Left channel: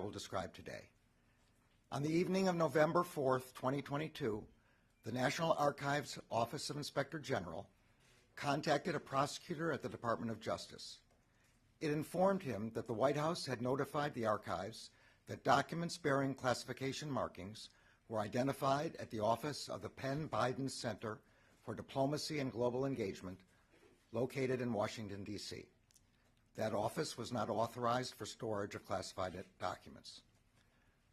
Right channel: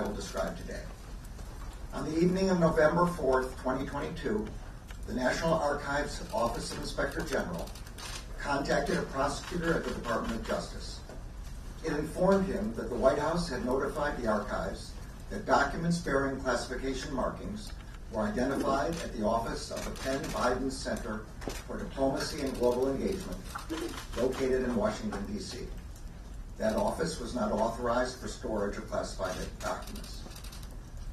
I will describe today. On the evening of November 4th, 2022, the National Archives Office of Inspector General contacted a prosecutor at the Department of Justice. It informed him that the White House had notified the archives that documents bearing classification markings were identified at the office of the Penn Biden Center for Diplomacy and Global Engagement, located in Washington, D.C. That office was not authorized for storage of classified documents.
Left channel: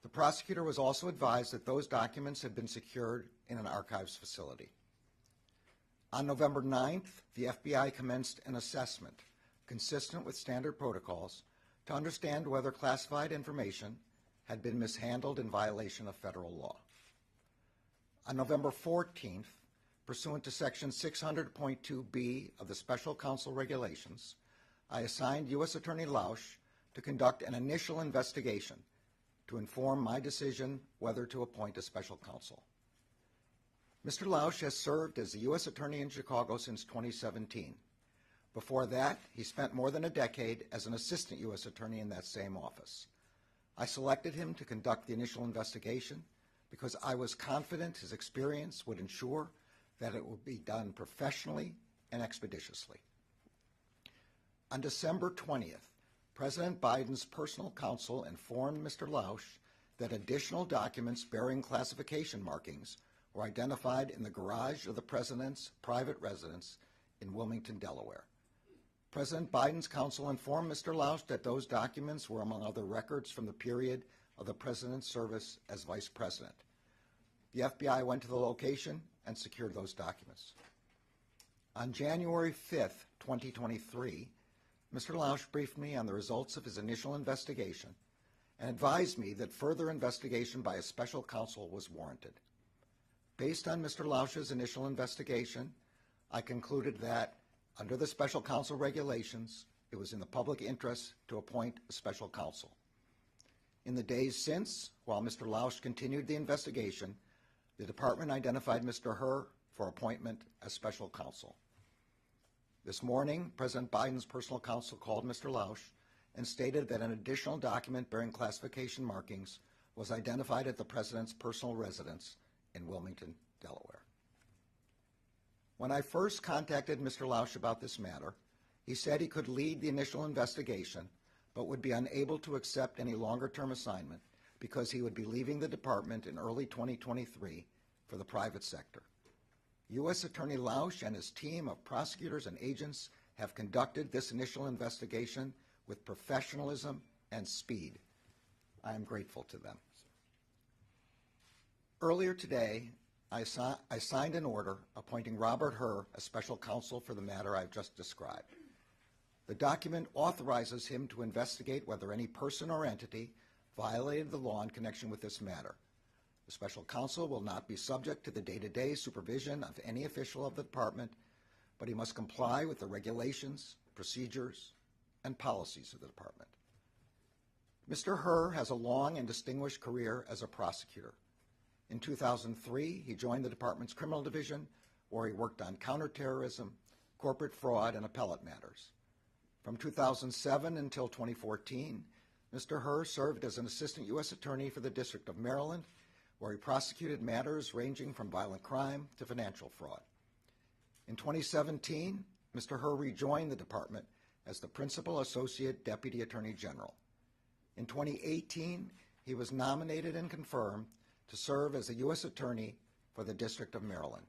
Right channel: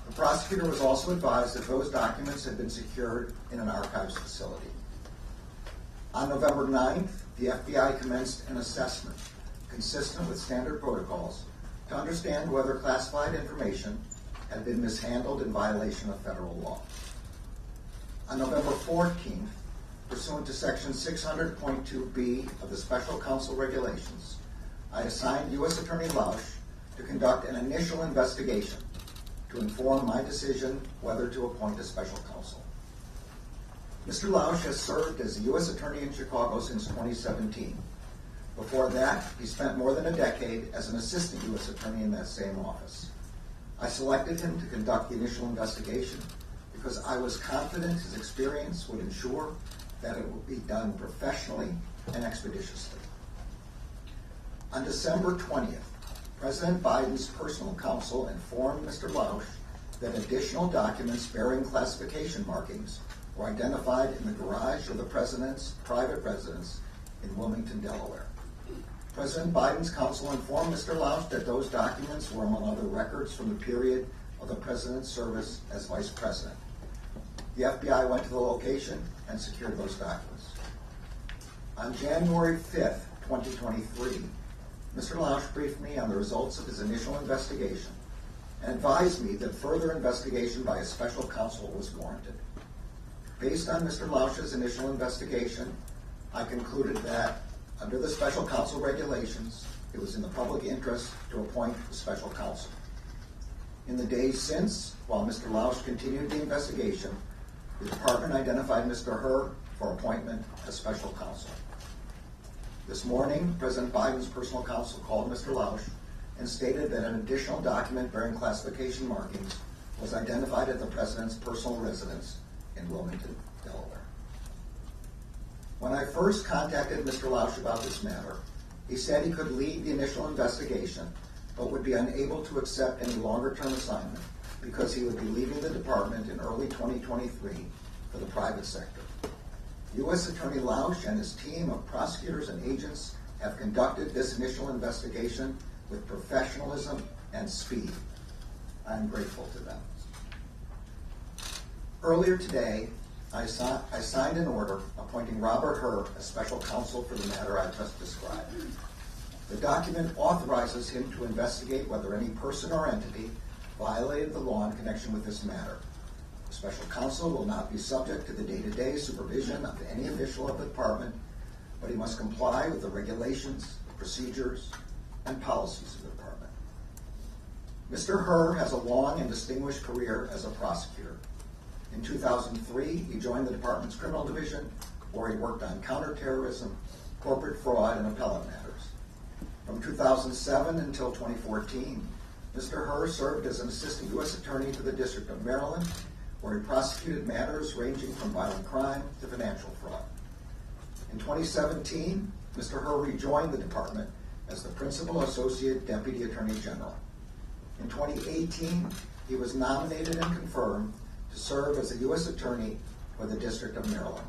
The prosecutor was also advised that those documents had been secured in an archives facility. On November 9th, the FBI commenced an assessment consistent with standard protocols to understand whether classified information had been mishandled in violation of federal law. On November 14th, pursuant to Section 600.2b of the Special Counsel Regulations, I assigned U.S. Attorney Lausch to conduct an initial investigation to inform my decision whether to appoint a special counsel. Mr. Lausch has served as a U.S. Attorney in Chicago since 2017. Before that, he spent more than a decade as an assistant U.S. Attorney in that same office. I selected him to conduct the initial investigation because I was confident his experience would ensure that it would be done professionally and expeditiously. On December 20th, President Biden's personal counsel informed Mr. Lausch that additional documents bearing classification markings were identified in the garage of the president's private residence in Wilmington, Delaware. President Biden's counsel informed Mr. Lausch that those documents were among other records from the period of the president's service as vice president. The FBI went to the location and secured those documents. On January 5th, 2023, Mr. Lausch briefed me on the results of his initial investigation and advised me that further investigation by a special counsel was warranted. Based on Mr. Lausch's initial investigation, I concluded that, under the special counsel regulations, it was in the public interest to appoint a special counsel. In the days since, while Mr. Lausch continued the investigation, the department identified Mr. Herr for appointment as special counsel. This morning, President Biden's personal counsel called Mr. Lausch and stated that an additional document bearing classification markings was identified at the president's personal residence in Wilmington, Delaware. When I first contacted Mr. Lausch about this matter, he said he could lead the initial investigation, but would be unable to accept any longer-term assignment because he would be leaving the department in early 2023 for the private sector. U.S. Attorney Lausch and his team of prosecutors and agents have conducted this initial investigation with professionalism and speed. I am grateful to them. Earlier today, I signed an order appointing Robert Herr as special counsel for the matter I just described. The document authorizes him to investigate whether any person or entity violated the law in connection with this matter. The special counsel will not be subject to the day-to-day supervision of any official of the department, but he must comply with the regulations, procedures, and policies of the department. Mr. Herr has a long and distinguished career as a prosecutor. In 2003, he joined the department's criminal division, where he worked on counterterrorism, corporate fraud, and appellate matters. From 2007 until 2014, Mr. Herr served as an assistant U.S. attorney for the District of Maryland, where he prosecuted matters ranging from violent crime to financial fraud. In 2017, Mr. Herr rejoined the department as the Principal Associate Deputy Attorney General. In 2018, he was nominated and confirmed to serve as a U.S. Attorney for the District of Maryland.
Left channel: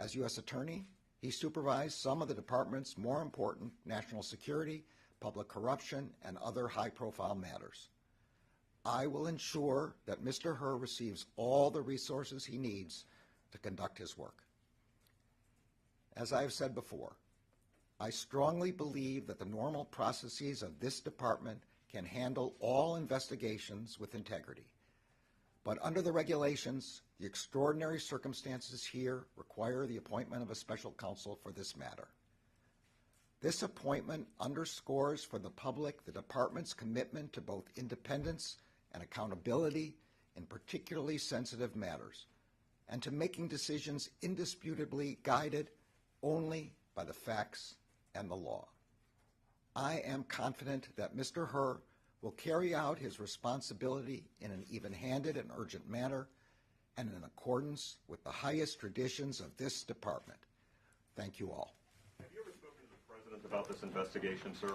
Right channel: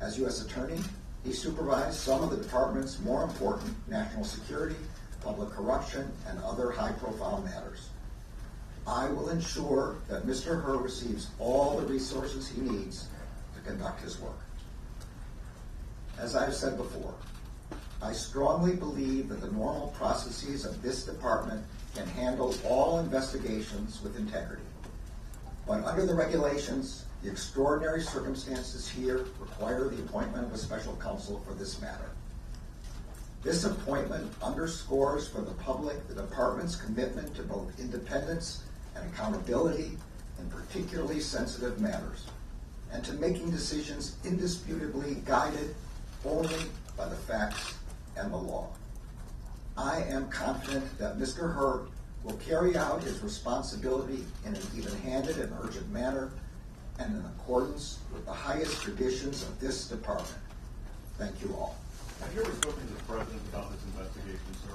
As U.S. Attorney, he supervised some of the department's more important national security, public corruption, and other high-profile matters. I will ensure that Mr. Herr receives all the resources he needs to conduct his work. As I have said before, I strongly believe that the normal processes of this department can handle all investigations with integrity. But under the regulations, the extraordinary circumstances here require the appointment of a special counsel for this matter. This appointment underscores for the public the department's commitment to both independence and accountability in particularly sensitive matters, and to making decisions indisputably guided only by the facts and the law. I am confident that Mr. Herr will carry out his responsibility in an even-handed and urgent manner and in accordance with the highest traditions of this department. Thank you all. Have you ever spoken to the President about this investigation, sir?